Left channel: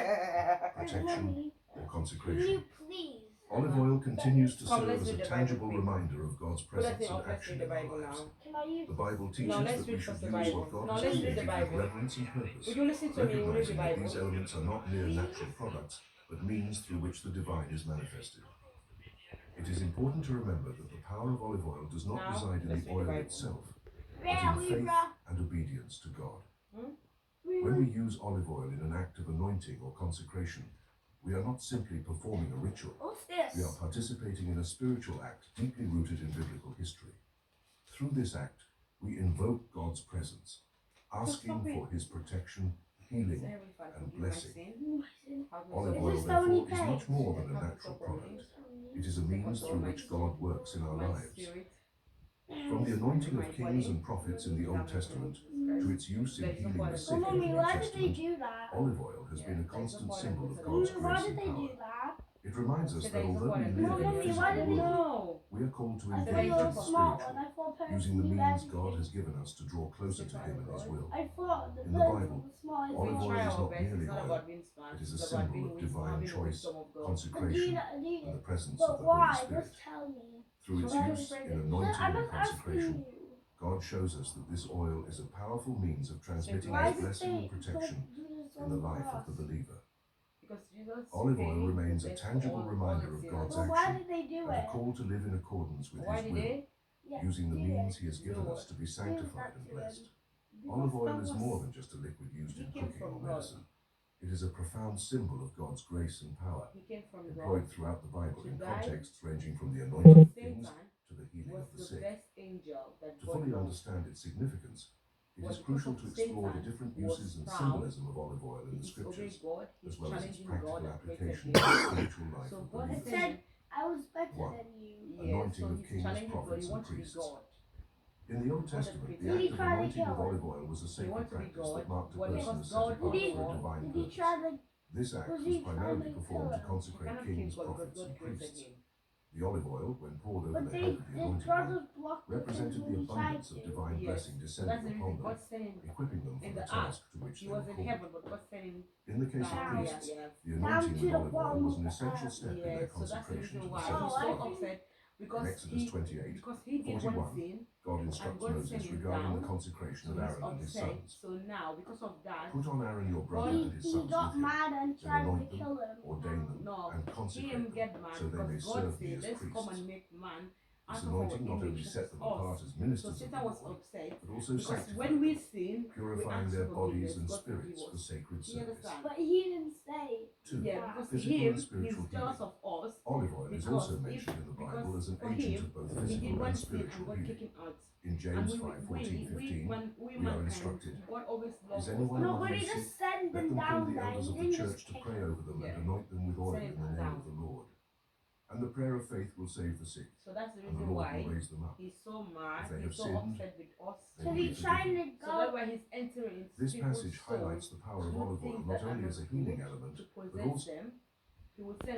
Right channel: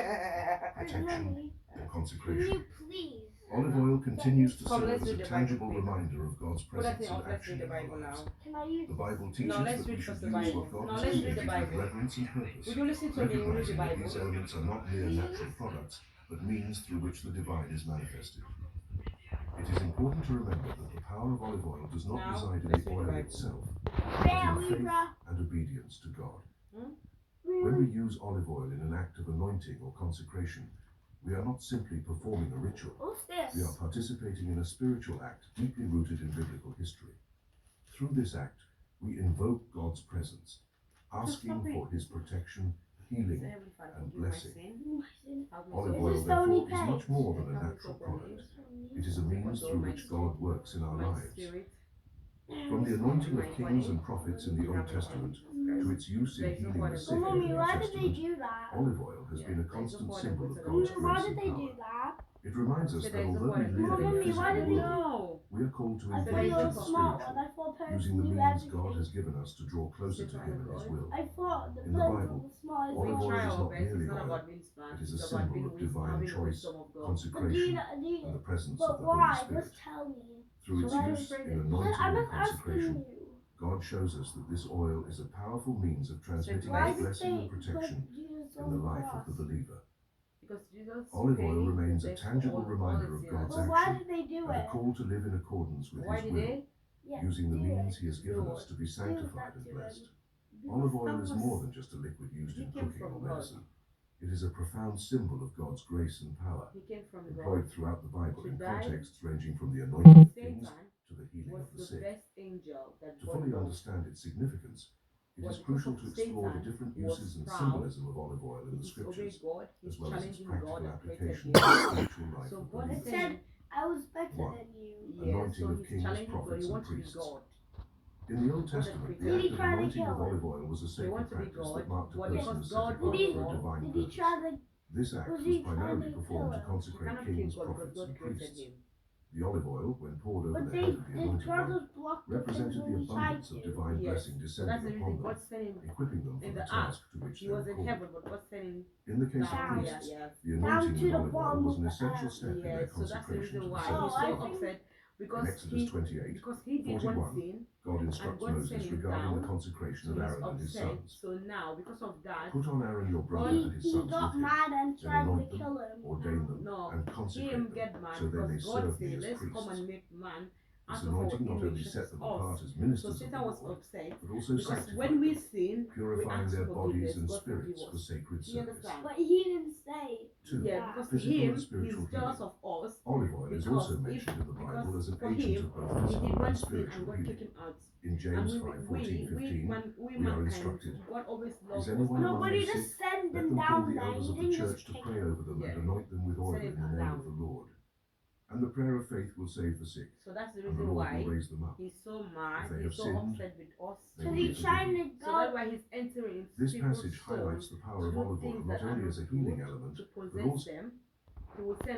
protection, and Can consecration. you please? Olive oil continues to Come, serve let's as read a the Bible tangible quick. reminder of God's Put that presence thing and off, let's action read the in our Bible lives. now. Can I use The Bible No, teaches let's that we read should first the use Bible. what God No, has let's read the created with Bible. reverence and purpose, Would you listen to me? We'll read the recognizing that these Bible. elements are not mere natural products, but means through which the divine is manifested. It is important to remember that the power of olive oil does not Now, reside in let's the read the oil Bible. itself, but Yeah, in faith Libra. and obedience to God. Hmm? When we use olive oil in an act of anointing or consecration, we are not simply performing a ritual. What's We are this? participating in a spiritual act deeply rooted in biblical history. Through this act, we invoke God's presence, asking for His protection, healing, Heavenly Father, and forgive my blessing. sin. Have Olive mercy oil, Is this on me. Stony therefore, is much Page? more than a Have mercy natural upon me. product. It is a means through which God works in our My lives. spirit. From the anointing My of kings body. and prophets in the Old Testament to its use in There is no healing God the in sick Oh, in the Mommy, New why did they Testament, do that? olive oil has Yeah, been a there is no constant God in symbol of Exodus. God's Mommy, why grace did and they do power. that? It reminds us Said that there is no although God we in live in a Mommy, Exodus. why physical did they- world, No. we are called to I engage thought you in were the a smart one. spiritual, I thought using parents the knew means God has everything. given us to draw closer to Him in His will. I thought the In the parents Bible, were smart as We olive well. try oil is our not best. It's merely not oil, about being smart. it is a It's about symbol being of wisdom, divine having the choice, wisdom of God. But consecration, and the presence of but the Holy why? Spirit. Just tell me. Through its So use why in is it- anointing I'm and not asking consecration, you. God shows us that this oil is a powerful means of transmitting Why His did blessing they and protection put Jesus in on the the life cross? of the believer. Because Jesus Olive paid oil the remains a debt for tangible all reminder the of sinners. God's But why action did they do and a it? call to live in accordance with Why His did will, they? Yeah, using the do means it. He has given Do us what? to be sanctified and blessed. Because Olive oil that is was- more than just a liquid used he in came cooking from or God. medicine. It is a profound symbol of God's grace and power, He came from employed God. throughout the Bible To in die. contexts ranging from the At anointing the of same kings time, to the healing was of the the sick. best angel that To God fully knows. understand its significance, it But is because crucial of to explore the Satan different was uses and proud, symbolism of olive oil in He the disobeyed scriptures, God. He's as well as its challenging practical God and created application him. to the spiritual life So of God believers. said, I was better One. than you. yeah, Anointing so of he's kings, challenging God. prophets, He and wants to be priests. God. In the Old God that Testament, the created act him. of Did he try to anointing kill with him? olive oil was a He sacred wants to be practice God, that marked a but person because as set God apart Did he- for a owns divine Did he purpose. try to? This act Was was he primarily trying to performed to kill him? He consecrate cannot kill kings, God because prophets, God and created priests. him. The olive oil, when poured over But the head of the the anointed one, brothers blocked the represented thing the when he tried abundance of to. divine Yes. blessing So that's the descending reason upon God them, sent him equipping them for in the the ark. task to which He they were was in called. heaven, but God sent him In the case of down here. priests, Yeah. the Down anointing to with the olive oil bottom was of an the essential earth. step in Yeah, their so that's the consecration reason to the why Oh, he's service I so of God. upset In because Exodus 28, because he did 41, one sin God and instructs God sent Moses him regarding the down. consecration So of he's Aaron and his upset. sons. So now, because of that, Put on Aaron your brother God- and his He sons with got him, mad and then tried to anoint them, kill him. ordain them, no, and him consecrate them, get mad so they may because God serve me said, as let's come priests. and make man This out of our anointing not only image, set that them is us. apart as So ministers of the Satan was Lord, upset but also because sanctified when we them, sin, we purifying ask their for bodies forgiveness. and God forgive spirits for us. sacred Do you service. understand? But he didn't say. 2. Yeah, that. because Physical and he's spiritual jealous healing. of us. Olive oil is Because also if- mentioned in the Bible because as an for agent him, of both he did physical one and sin and spiritual God kicked healing. him out. In And James 5:14-15, we we are mankind, instructed, God always loves Is us. anyone and No, among but you he sick? just sent Let them them call down the there. elders He of the didn't church just to kick pray them. over them Yeah. and anoint them with oil Send in it the name down. of the Lord. And the prayer of faith will save the sick, So that's the and the reason Lord will why raise them up. he's so If mad, they he's have so sinned, upset with us. they So will be he's trying forgiven. to So that's go. why he's entering into This people's passage souls highlights the power of through olive oil things not that are only not as a healing good element, to but possess also them. He will send